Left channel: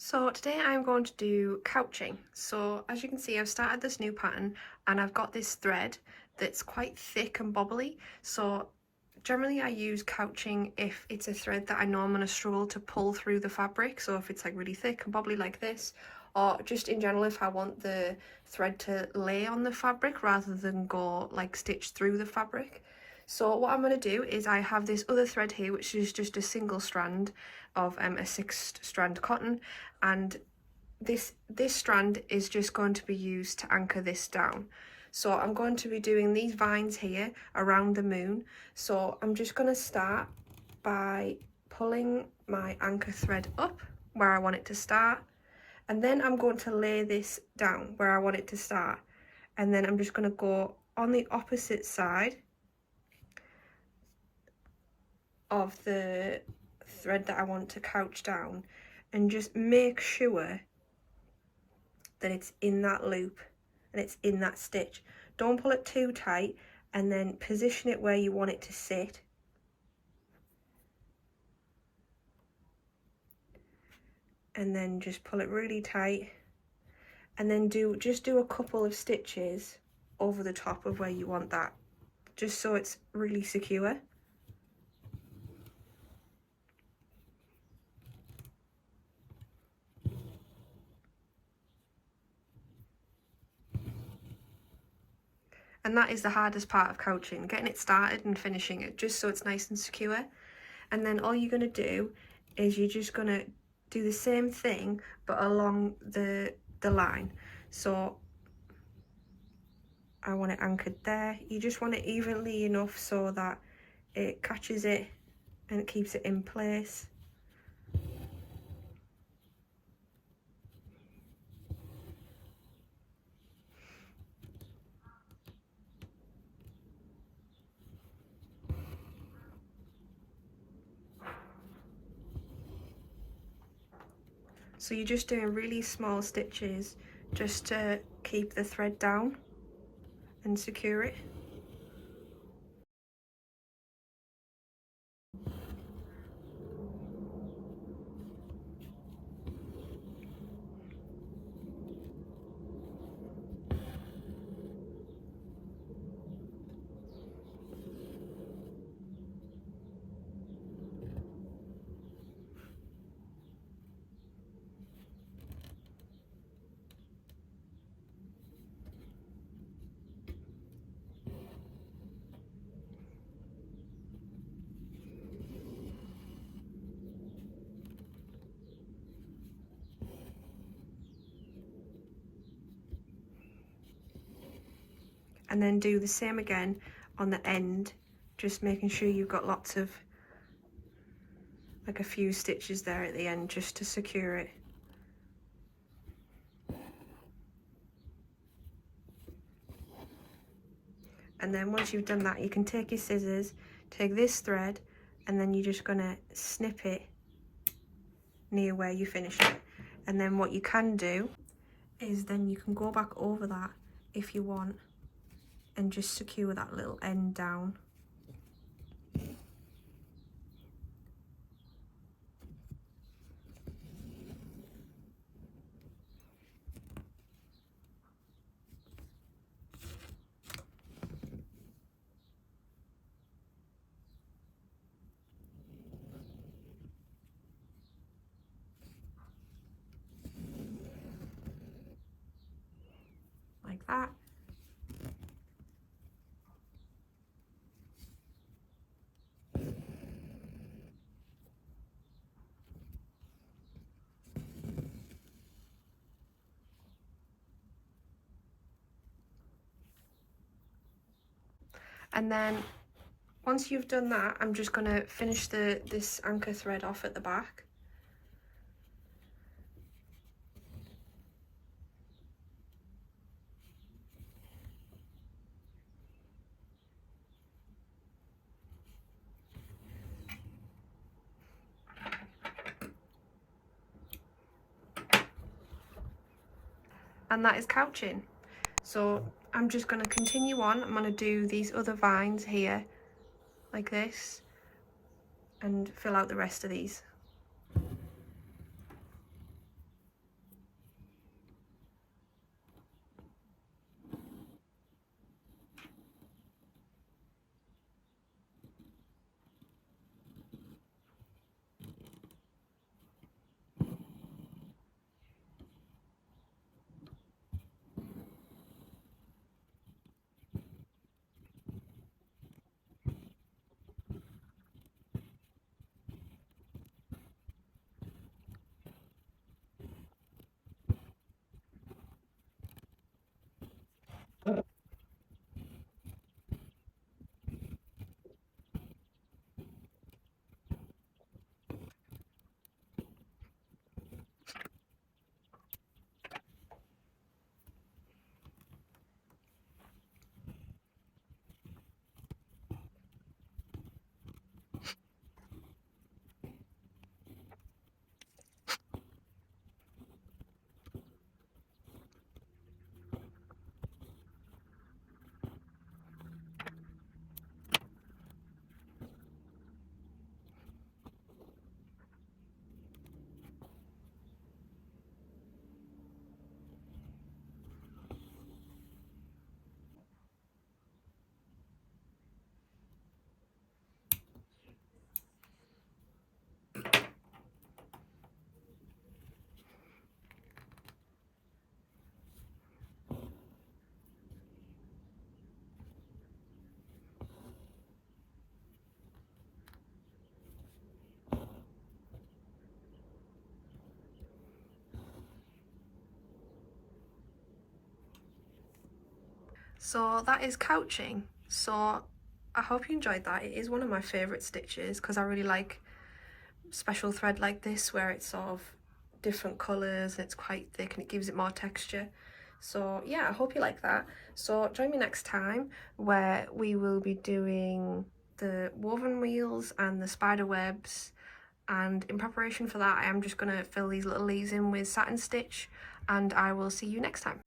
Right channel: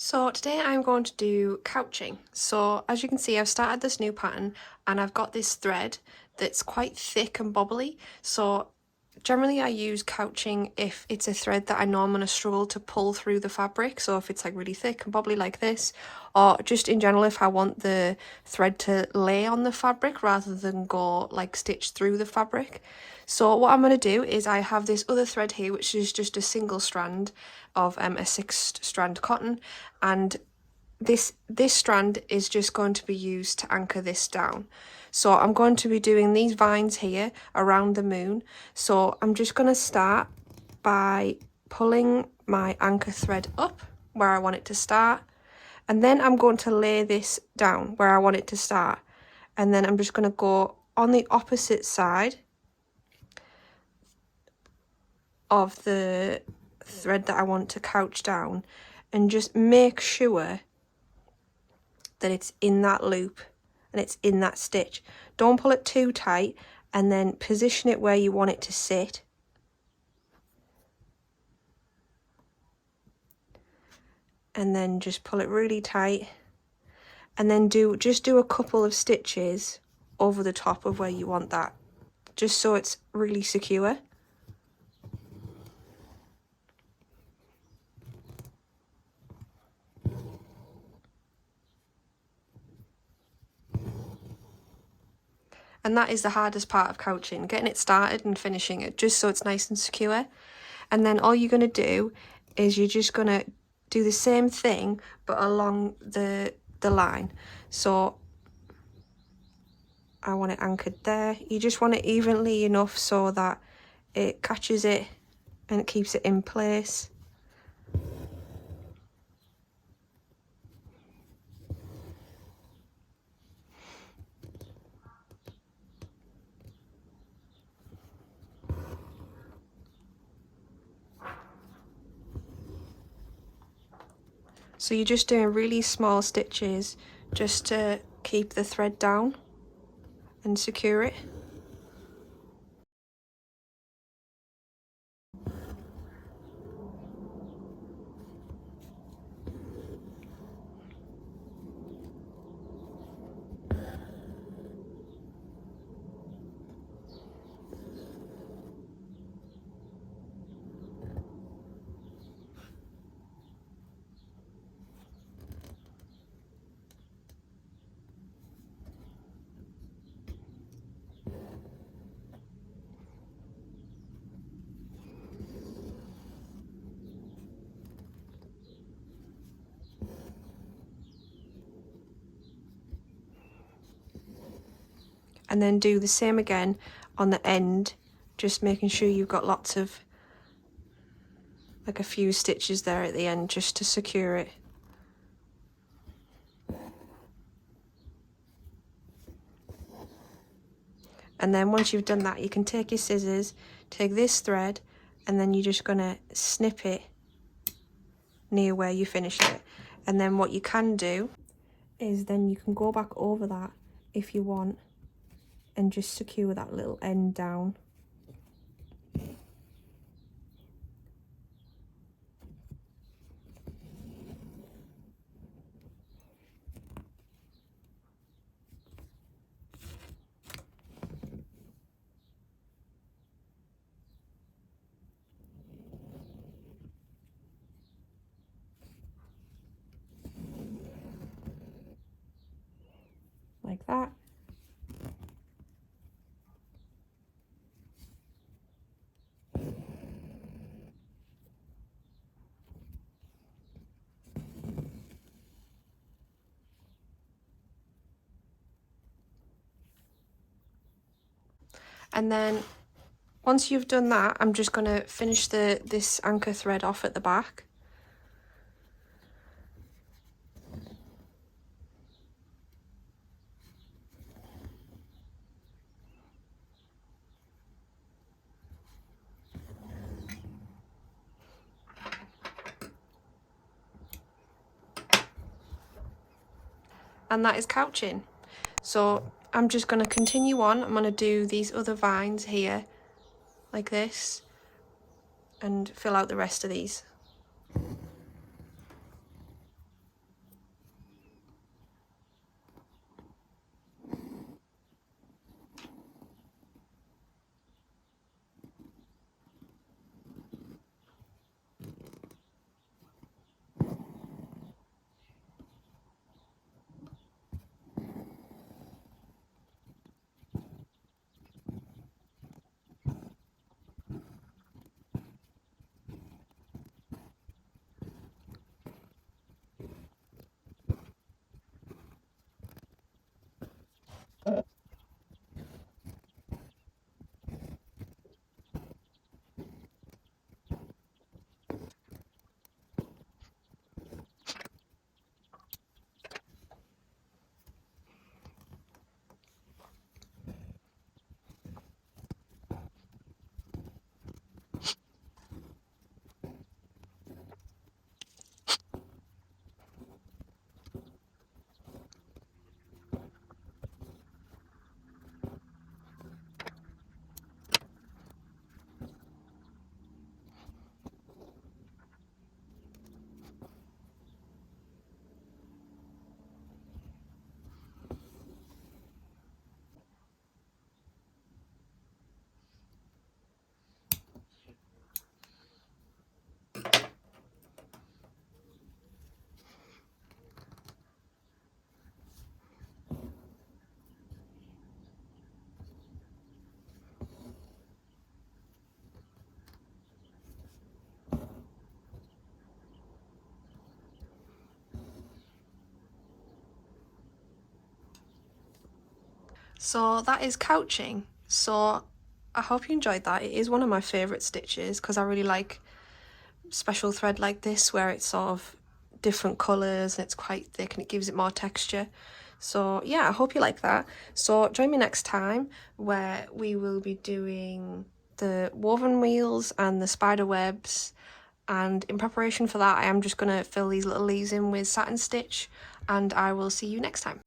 So today I'm going to do couching. So as you can see, I've started this new pattern and I've got this thread that's quite thick and bobbly. So generally I use couching if it's a thread that I know I'm going to struggle to pull through the fabric. So if it's like really thick and bobbly like this, or just in general if I want the thread to lay on the fabric rather than go like stitch through the fabric. So what I'm going to do is I have this other thread here, which is just a single strand of a 6-strand cotton, and this strand is just going to be used to anchor this down. So I'm going to be doing these vines here around the moon. So I'm just going to start by pulling my anchor thread up where I want it to start, and then I'm going to lay this down where I want it to start, and then I'm just going to go on the opposite side of the thread that I want to couch down and just make sure that it's in that loop and it's in that stitch. Don't pull it too tight, and then position it where you want it to sit. And then just pull it really tight, and then just do a couple of stitches over the top of where you want that, just so it's really secure. And that is the hardest part of couching, getting it started and finishing it, just so it's nice and secure. And then all you're going to do is you're just going to do the same thing but along the line. So I want it anchored there. You just want it evenly enough so that it catches it and it keeps it in place. So you're just doing really small stitches just to keep the thread down and secure it. And then do the same again on the end, just making sure you've got lots of, like a few stitches there at the end just to secure it. And then once you've done that, you can take your scissors, take this thread, and then you're just going to snip it near where you finish it. And then what you can do is then you can go back over that if you want and just secure that little end down. Like that. And then once you've done that, I'm just going to finish this anchor thread off at the back. And that is couching. So I'm just going to continue on. I'm going to do these other vines here like this and fill out the rest of these. So that is couching. So I hope you enjoyed that. It is one of my favourite stitches because I really like special thread like this where it's sort of different colours and it's quite thick and it gives it more texture. So yeah, I hope you like that. So join me next time where we will be doing the woven wheels and the spider webs, and in preparation for that I am just going to fill these little leaves in with satin stitch, and I will see you next time.